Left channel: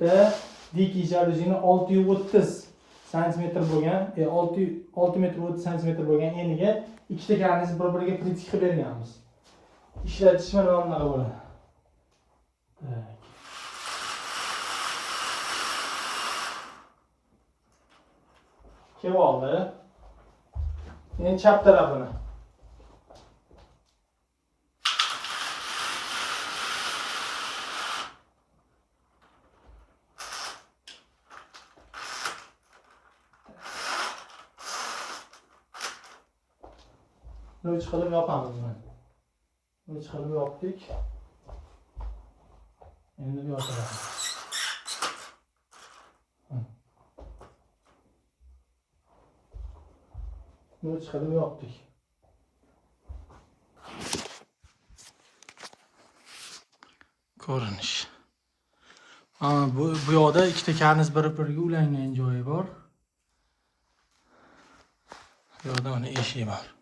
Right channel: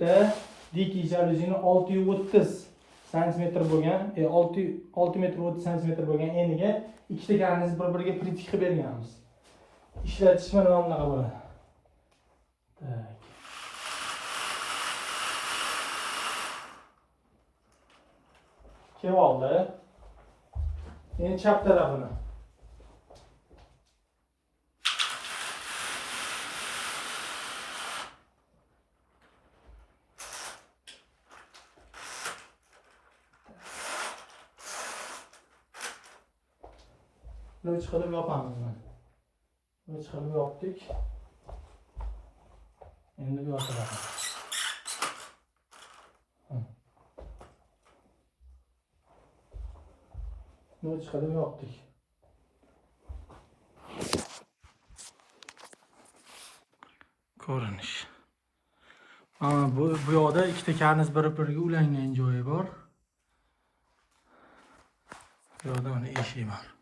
yerda dikey jaluzini 630 cm bo'lgan, 6 metr 30 cm bo'lgan eniga ikkita karniz bir-biriga pritik qilib berganmiz. Ishlatish mana bunaqa bo'ladi. Kelib oldi. Endi chap tarafini. Uch qilib yopamiz mana. Uch qilib yopdik. Endi yopamiz. Uch qilib yopdik. Ko'rinish. Bu yoqda ikkita karniz bir-biriga ulangan joyi bor. Bu yoqda mana eshik bor.